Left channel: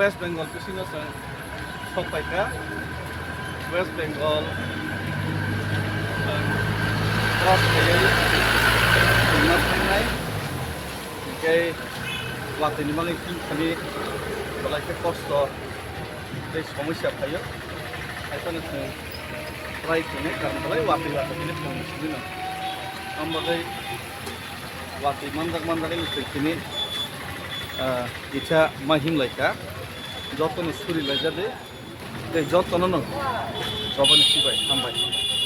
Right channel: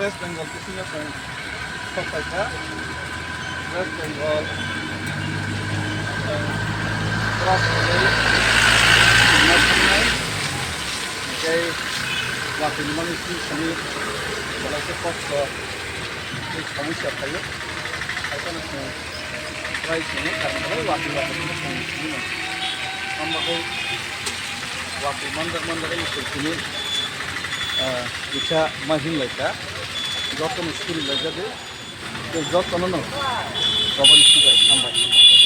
West Bengal kisine Kosto West Bengal cross village national okay Watwi ni mani Himthani balai ke Kosto ke samusya thayo aisana se try sini karena balai Watwi ni samusya ni ambagai Watwi mandar ini bisa mahin laika jotono suri laja de jotono no robani sibai sambai